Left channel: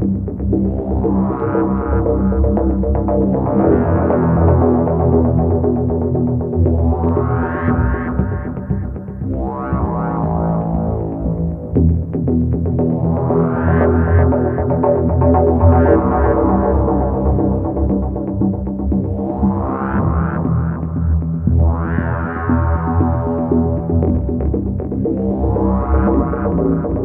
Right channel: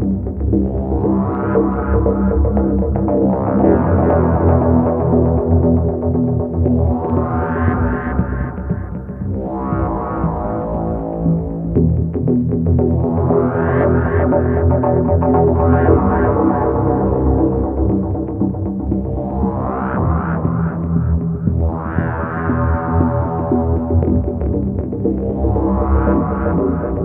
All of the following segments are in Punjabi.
Thank you.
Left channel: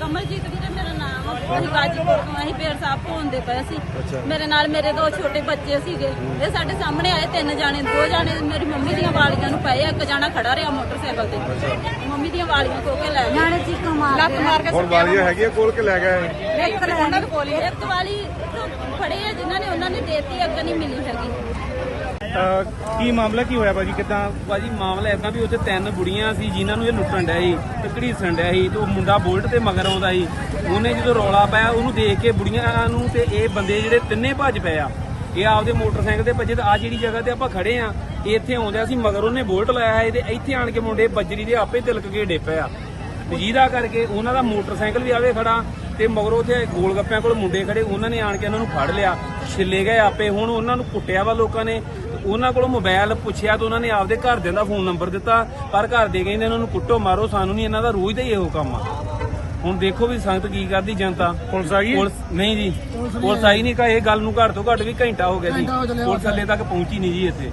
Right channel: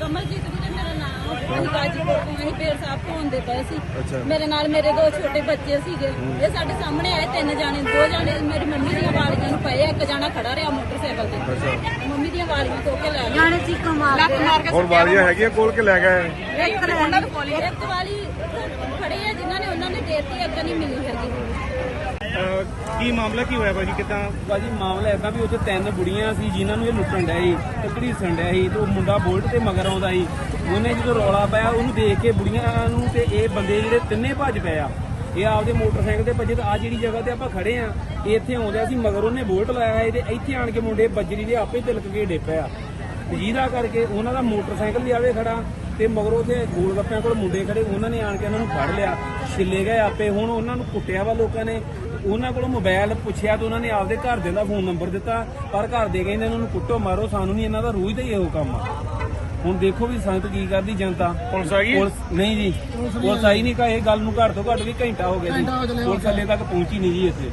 ਕਮਲਜੀਤ ਵੀਰੇ ਮੇਰਾ ਨਾਮ ਆ। ਅਸੀਂ ਗਾਜੀਪੁਰ ਤੋਂ ਅਸੀਂ ਪੇੜ ਸਾਹਿਬ ਤੋਂ ਆਉਂਦੇ ਪਏ ਸੀ। ਮੇਰੇ ਨਾਲ ਮੇਰੇ ਦੋ ਛੋਟੇ ਬੱਚੇ ਸੀਗੇ। ਇਹ ਸਾਡੇ ਸਾਹਮਣੇ ਆਏ ਤਿੰਨ ਜਾਣੇ ਦੋ ਜਾਣੇ ਮੇਰੀ ਮੰਮੀ ਦੀਆਂ ਵਾਲੀਆਂ ਨੂੰ ਪਏ ਆ, ਇੱਕ ਜਾਣਾ ਖੜਾ ਰਿਹਾ ਮੋਟਰਸਾਈਕਲ ਤੇ। ਮੰਮੀ ਦੀਆਂ ਵਾਲੀਆਂ ਖੋ ਕੇ ਲੈ ਗਏ। ਜਾਣੇ ਸੀ ਮਾਰ ਕੇ ਹੁਣ ਵਾਲੀਆਂ ਹੈਗੀਆਂ ਕੋਲ ਕੇ ਲੈ ਗਏ ਇੱਕ ਵਾਲੀ ਫੜੇ ਆ ਜਿਨ੍ਹਾਂ ਨੇ ਉਹਨਾਂ ਨੇ ਦੇਤੀ ਅੱਗੇ ਨਹੀਂ ਮਿਲੀ ਹੈਗੀ। ਕੀ ਮਾਮਲਾ ਕੀ ਹੋਇਆ ਭਾਜੀ? ਕਿਦਾਂ? ਭਾਜੀ, ਮਾਮਲਾ ਏਦਾਂ ਵੀ ਉੱਥੇ ਤਿੰਨ ਬੁੜੀਆਂ ਸੀ ਜਿਨ੍ਹਾਂ ਨੂੰ ਇਹ ਲੁੱਟਣ ਡਿਆ ਸੀ ਤੇ ਘੜੀਸਣ ਡਿਆ ਸੀ ਤੇ ਉਹ ਮੁੰਡਾ ਬੋਲਟ ਤੇ ਮਗਰ ਆਉਂਦਾ ਸੀ। ਉਹਨੇ ਜਦੋਂ ਰੌਲਾ ਪਾਇਆ, ਉਹਨੂੰ ਦੇਖ ਕੇ ਬੁੜੀਆਂ ਨੂੰ ਤੇ ਇਹ ਬੰਦੇ ਜਿਹੜੇ ਤਿੰਨੇ ਭੱਜ ਪਏ ਆ। ਇਹ ਆਪਦੇ ਮੋਟਰਸਾਈਕਲ ਤੇ ਭੱਜੇ ਤੇ ਆ ਜਿਹੜੀ ਜਗ੍ਹਾ ਤੇ ਆਪਾਂ ਖੜੇ ਆ ਇੱਥੇ ਆਉਂਦਿਆ ਸੀ, ਮਗਰ ਉਹਨੇ ਬੋਲਟ ਲਾਇਆ ਸੀ ਤੇ ਇੱਥੇ ਆਣ ਕੇ ਮੁੰਡੇ ਬੱਜਰੀ ਦੇ ਆਪੇ ਤਿਲਕ ਕੇ ਡਿੱਪੇ ਆ ਜਿਹਦਾ ਕਰਕੇ ਉਹਨਾਂ ਦਾ ਮੋਟਰਸਾਈਕਲ ਵੀ ਆਵੇ ਖੜਾ ਤੇ ਮਗਰੋਂ ਤੇ ਗੋਲ ਗੱਪਿਆਂ ਕੋਲ ਮੁੰਡੇ ਖੜੇ, ਉਹਨਾਂ ਨੇ ਆਣ ਕੇ ਉਹਨਾਂ ਨੂੰ ਫੜ ਲਿਆ। ਛਿੱਲੇ ਗਏ ਆਪੇ, ਹੁਣ ਉਹਨਾਂ ਨੂੰ ਕੁੱਟਿਆ ਵਾ ਲੋਕਾਂ ਨੇ। ਉਹਨਾਂ ਕੋਲੋਂ ਮੋਬਾਈਲ ਪੁੱਛਿਆ ਤੇ ਉਹਨਾਂ ਨੇ ਆਪਦੇ ਘਰਦਿਆਂ ਦਾ ਫੋਨ ਨੰਬਰ ਦਿੱਤਾ ਪਰ ਘਰ ਦੇ ਕਹਿੰਦੇ ਇਹਨਾਂ ਨੂੰ ਕੁੱਟੋ ਮਾਰੋ ਸਾਨੂੰ ਨਹੀਂ ਇਹਨਾਂ ਦਾ ਰੋਜ਼ ਦਾ ਹੀ ਇਹੋ ਕੰਮ ਆ। ਹੁਣ ਦੇਖੋ ਵੀ ਸੰਗਤ ਕੀ ਕਰਦੀ ਜਨਤਾ। ਪੁਲਿਸ ਆਈ? ਪੁਲਿਸ ਨਹੀਂ ਜੀ ਪੁਲਿਸ ਆਈ। ਨਹੀਂ ਕਾ ਇਹ ਗੱਲ ਨੂੰ ਘੱਟ ਤੋਂ ਘੱਟ ਵੀ ਘੰਟਾ ਹੋ ਗਿਆ ਜੀ। ਪੁਲਿਸ ਹਲੇ ਤੱਕ ਪਹੁੰਚੀ ਨਹੀਂ ਜੀ ਇੱਥੇ।